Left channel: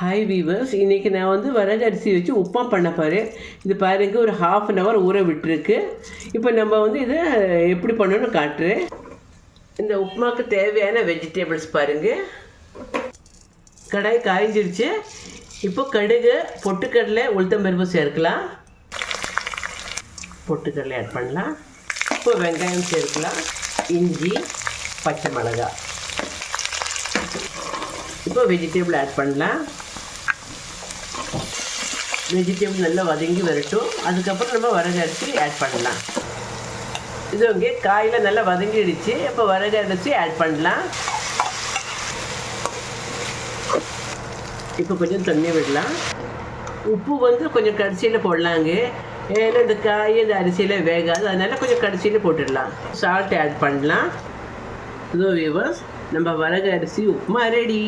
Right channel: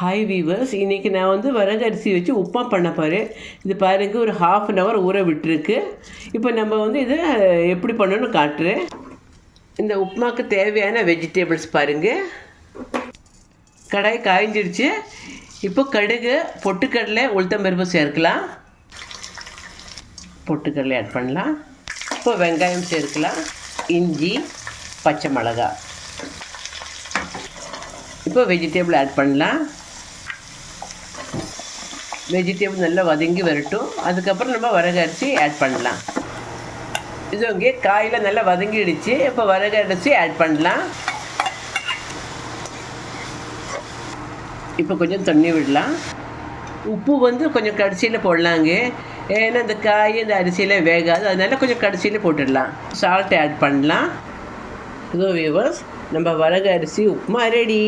Hi viewers, இன்றைக்கி நான் வந்து வரகு அரிசி வச்சு உப்புமா பண்ண போகிறேன். இது பாருங்க, ஒரு 1/2 அன் ஹவர் ஊற விட்டுருக்கு. இப்போ நம்ம வந்து இதை எப்படி பண்ணணும்னு காட்டுறேன். இந்த உப்புமாவுக்கு தேவையான வெஜிடபிள்ஸ் பாருங்கள். கடாய் காய்ஞ்சிடுச்சு. இப்போ கடுகு, பொட்டுக்கடலை, உளுத்தம்பருப்பு சேர்க்கலாம். பொட்டுக்கடலை ஆட் பண்ணலாம். இப்போ வெங்காயம் சேர்க்கலாம். இஞ்சி, பச்சை மிளகாய். இப்போ வெஜிடபிள் ஆட் பண்ணலாம். வெஜிடபிள் நல்லா வதங்கி வரட்டும். அதுக்கப்புறம் நம்ம வரகு அரிசி ஆட் பண்ணலாம். இது இங்கே காயில் நல்லா வதங்கிடுச்சு. இப்போ வரகு அரிசி ஆட் பண்ணலாம். இப்போ கொஞ்சம் தண்ணி விடலாம். உப்பு வந்து கொஞ்சம் கடைசியில் போடலாங்க. ஏன்னா இந்த காய் இந்த அரிசியில் வேகாது, அதனால கொஞ்சம் கடைசியில் போட்டுடலாம். சால்ட் ஆட் பண்ணலாம். இதோ வியூவர்ஸ், நம்ம வரகு அரிசி உப்புமா ரெடி.